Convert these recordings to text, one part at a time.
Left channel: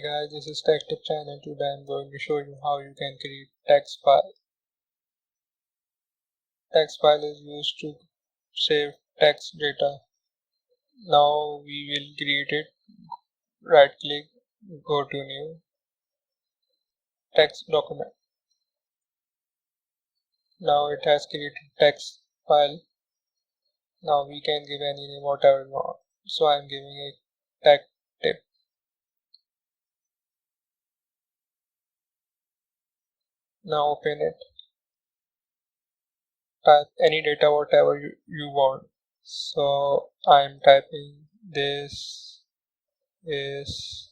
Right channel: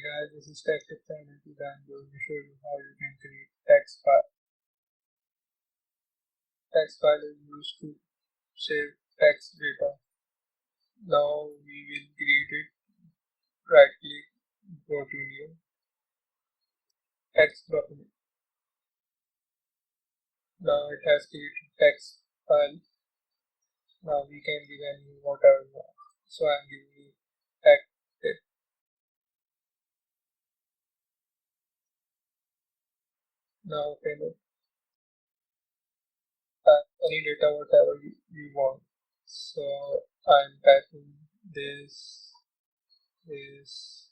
Hey guys, this is Tech Tip channel. Today I'm going to show you how you can create text file. Text file is used to save text data. Now we will create it. Right click, go to new text document. Now it has created text file. Now we can give any name whatever we want. So I'm giving a tech tip. Now open it. Type any data whatever you want. So I'm typing this is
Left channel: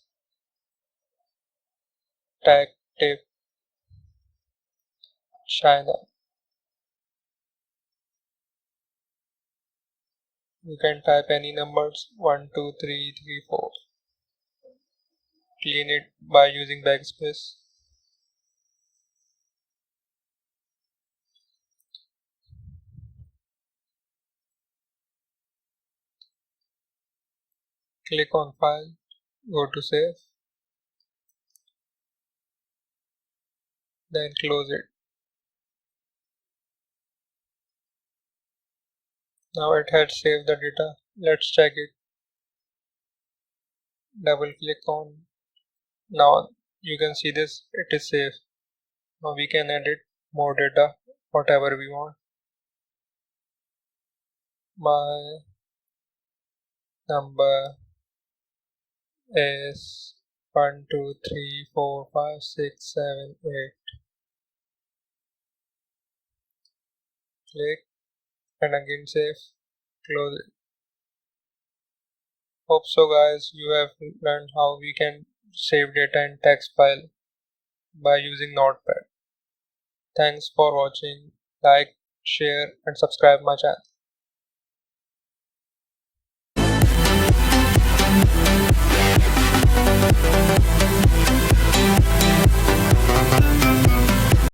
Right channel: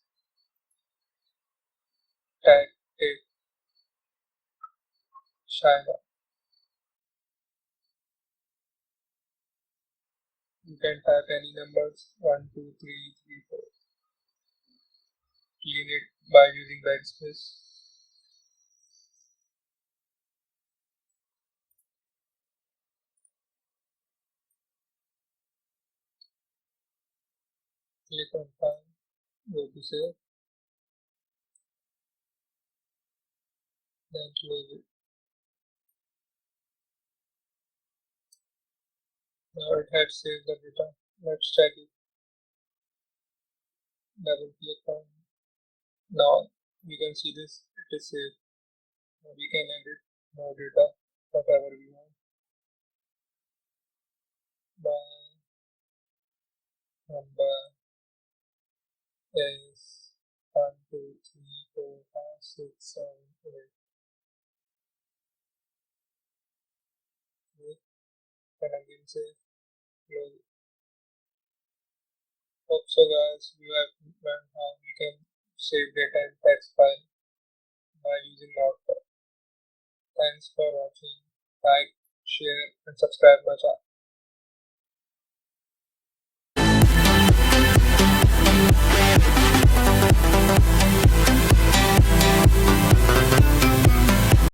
tech tip China. You can type any numbers 1, 2, 3, 3, 4. Clean it by using backspace. Click on file, go to save, then close it. Now it had saved the data. Let's check it. Double click on. Now you can see this, it is saved. Now we can edit more data, whatever we want. My number is 1, 2, 3, 4, 5, 6, 7, 8. Click and again save. Close it. Hope so guys, you have learned how we can save data in text file by using Notepad. Thanks for watching. Like, share and subscribe my channel.